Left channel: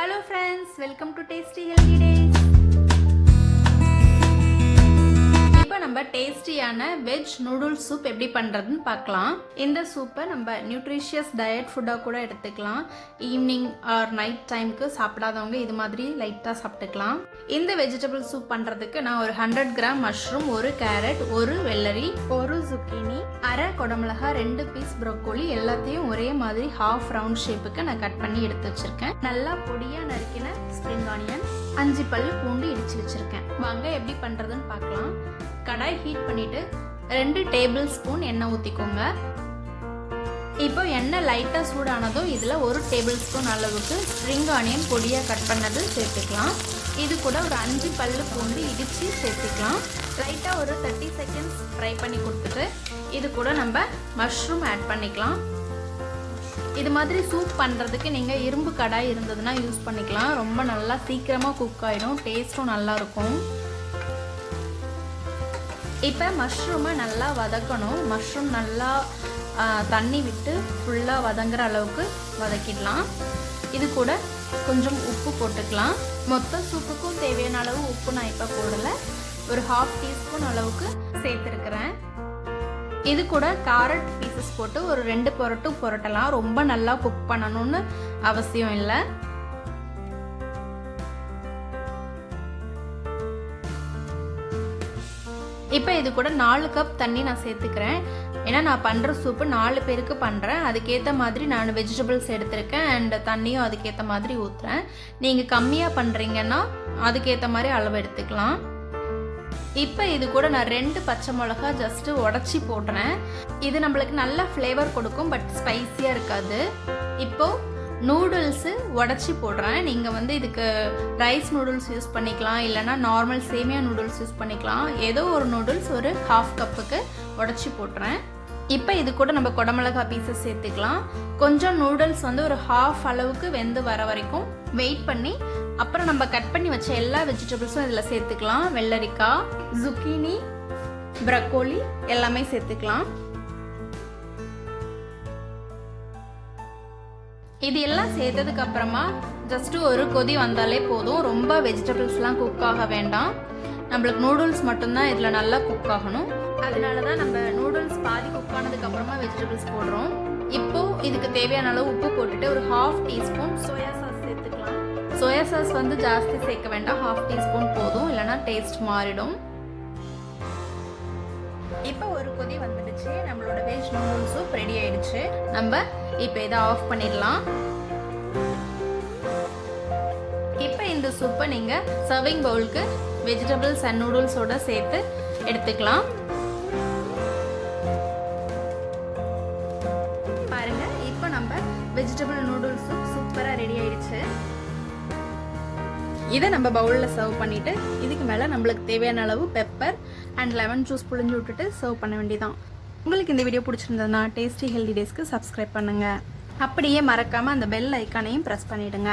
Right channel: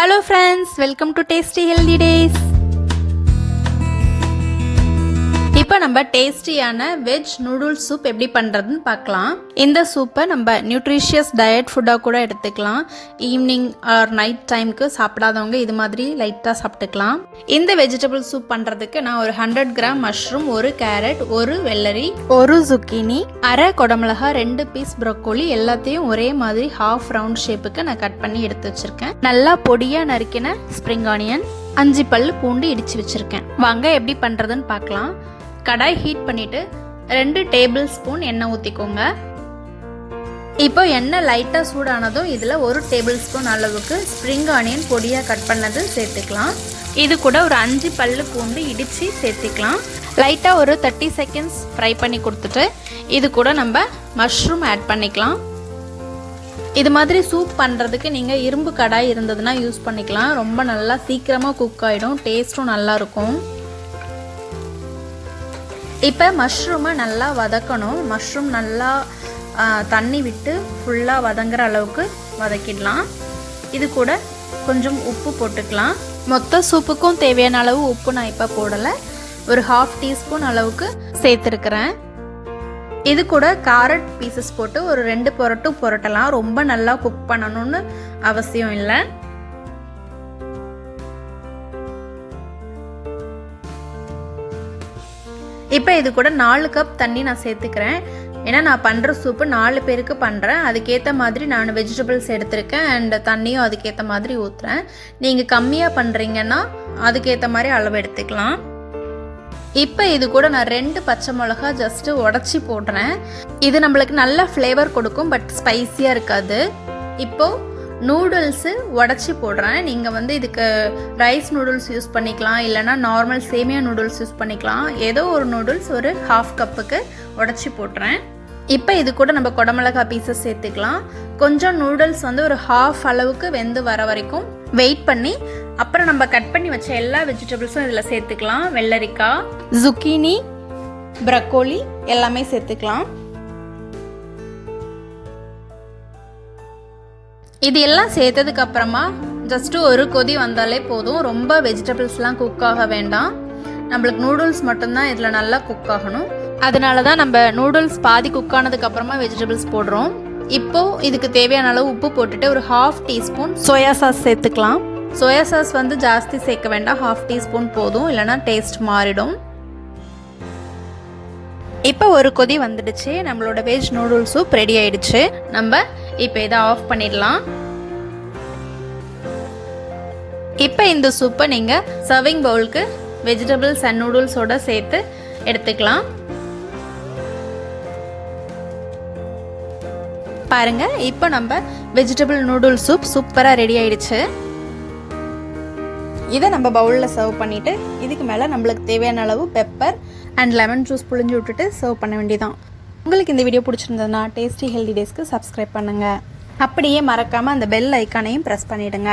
Hello friends, welcome to Tasty Healthy Days. இப்போ நம்ம டேஸ்டியான வெஜ் நூடுல்ஸ் சூப் எப்படி பண்ணுறதுன்னு பார்க்கலாம். இந்த சூப்பை நம்ம நியூட்ரிஷியஸ் டயட் ஃபுட்டாக கூட எடுத்துக்கலாம். ஈவினிங் ஆர் நைட் டைமுக்கு சாப்பிடாதவங்க இது மாதிரி லைட்டாக சாப்பிட்டுக்கலாம். இந்த வெஜிடபிள் சூப் பண்ணுறதுக்கு நான் ஒரு 100 கிராம் மஷ்ரூம், ஒரு கேரட், ஒரு வெள்ளரி, ஒரு zucchini, அரை குடமிளகா, 2 பீஸ் ப்ரோக்கோலி எல்லாத்தையும் ஒரே மாதிரி ஹாஃப் ரவுண்ட் ஷேப்புக்கு நான் கட் பண்ணி எடுத்து வச்சுருக்கேன். நல்லா பொடியாக நறுக்கின ஸ்ப்ரிங் ஆனியன், 5 பல் பூண்டு இடித்து வச்சுருக்கேன். வாங்க எப்படி பண்ணுறதுன்னு பார்க்கலாம். கடாய் ஹீட் பண்ணிட்டு 2 டேபிள் ஸ்பூன் எண்ணெய் ஊற்றிக்கோங்க. இப்போ எண்ணெய் லைட்டாக சூடானதும் இதில் 1 டேபிள் ஸ்பூன் அளவுக்கு ஸ்ப்ரிங் ஆனியன் பொடியாக கட் பண்ணது சேர்த்துக்கலாம். இது கூட ஒரு 5 பல்லு பூண்டு இடித்து சேர்த்துக்கலாம். லைட்டாக ஒரு 30 செகண்ட்ஸ் ஃப்ரை பண்ணி கொடுத்துட்டு இது கூட நம்ம மஷ்ரூம் ஆட் பண்ணிக்கலாம். இது மாதிரி சூப் பண்ணுறதுக்கு நீங்கள் இரும்பு கடாய் இருந்ததுன்னா யூஸ் பண்ணிக்கலாம். ரொம்ப நல்லா சீக்கிரமாக குக் ஆகிடும், டேஸ்ட்டும் நல்லாயிருக்கும். இப்போ மஷ்ரூமை நல்லா வதக்கணும். மஷ்ரூம் நல்லா தண்ணி விட்டு ஃபுல்லாக வதங்குற அளவுக்கு வதக்கிடலாம். இது கூட கொஞ்சம் உப்பு போட்டுக்கலாம். மொத்த சூப்புக்கும் தேவையான அளவு உப்பு நான் இப்போ போடலை, ஒரு 1/2 டீஸ்பூன் அளவுக்கு சேர்த்துருக்கிறேன். இது கூட கேரட் பீசஸ் போட்டு ஒரு 2 புரட்டலாம். ரொம்ப நல்லா குக் பண்ணணும்னு அவசியம் இல்லை. இப்போ இது கூட 4 கப் தண்ணி நான் சேர்த்துக்கிறேன். ஏன்னா நான் பண்ணுற சூப்பு 4 பேருக்கு பண்ணுறேன். அதுக்கேற்ற மாதிரி நான் வெஜிடபிள்ஸ் எடுத்திருக்கேன் அண்ட் தண்ணியும் அதுக்கேற்ற மாதிரி ஊற்றுறேன். நீங்கள் கம்மியாக பண்ணுறீங்கன்னா அதுக்கேற்ற மாதிரி அளவு எடுத்துக்கலாம். இப்போ இது கூட நான் 2 பச்சை மிளகா ஜஸ்ட்டு உடச்சி போடுறேன். இது நம்மளுக்கு நல்ல ஃப்ளேவர் கொடுக்கும், பட் ஸ்பைஸியாக இருக்காது. இப்போது நூடுல்ஸு உடச்சி போடுறேன். நீங்கள் இதுக்கு ரைஸ் நூடுல்ஸ் யூஸ் பண்ணிக்கலாம், இல்லைனா நார்மல் சேமியா நூடுல்ஸ் யூஸ் பண்ணிக்கலாம். ஏதோ ஒரு நூடுல்ஸ் ஒரு 1/2 கப்புக்கு உடச்சி போட்டுறேன். இப்போ இது கூட நம்ம குடமிளகா பீசஸ் சேர்த்துக்கலாம். கொஞ்சம் நூடுல்ஸ் ஒரு 1/2 அளவுக்கு வெந்து வர வரைக்கும் வெயிட் பண்ணி அப்புறம் நம்ம கட் பண்ணி வச்ச எல்லா வெஜிடபிள்ஸும் இதில் சேர்த்துக்கலாம். வெள்ளரிக்காய், zucchini, ப்ரோக்கோலி எல்லாமே சேர்த்துக்கலாம். இது எல்லாம் சேர்த்ததுக்கு அப்புறமா ஜஸ்ட்டு ஒரு கொதி வந்தாலே போதும். ரொம்ப வெஜிடபிள்ஸ்லாம் குக் ஆக வேண்டாம். நம்மளுக்கு நூடுல்ஸ் மட்டும்தான் இதில் நல்லா குக் ஆகணும். அதனால தான் நம்ம நூடுல்ஸ் பாதி குக் ஆனதுக்கு அப்புறமா வெஜிடபிள்ஸ் போடுறோம். இப்போது இதுக்கு தேவையான அளவு உப்பு போட்டுட்டு ஒரு 1/2 டீஸ்பூன் சோயா சாஸ் சேர்த்துக்கலாம். சோயா சாஸ் ஜாஸ்தி சேர்க்க வேண்டாம், 1/2 டீஸ்பூன் போதும், இல்லைனா டேஸ்ட் மாறிடும். இப்போ ஒரு கொதி வந்துடுச்சு. நம்மளோட வெஜ் நூடுல்ஸ் சூப் ரெடி ஆயிடுச்சு. நம்ம இப்போ இதை ஆஃப் பண்ணிடலாம். இப்போ இந்த சூப்பை நீங்கள் சர்விங் பவுலுக்கு வெஜிடபிள்ஸ் அண்ட் நூடுல்ஸோட சேர்த்து எடுத்துக்கலாம். பாருங்க, இப்போ நம்ம வெஜிடபிள் நூடுல்ஸ் சூப் சூப்பராக ரெடி ஆயிடுச்சு. இதை நம்ம பவுலில் சர்வ் பண்ணிவிட்டு இதுக்கு மேலே நம்மளுக்கு தேவையான அளவு பெப்பர் அண்ட் லெமன் ஜூஸ் புழிஞ்சு விட்டுட்டு சர்வ் பண்ண வேண்டியதான். உங்களுக்கு இந்த வீடியோ பிடிச்சிருந்ததுன்னா டேஸ்டி ஹெல்தி டேஸ்க்கு சப்ஸ்கிரைப் பண்ணுங்கள். அப்படியே மறக்காமல் அந்த பெல் ஐக்கானையும் ப்ரெஸ் பண்ணிவிடுங்க.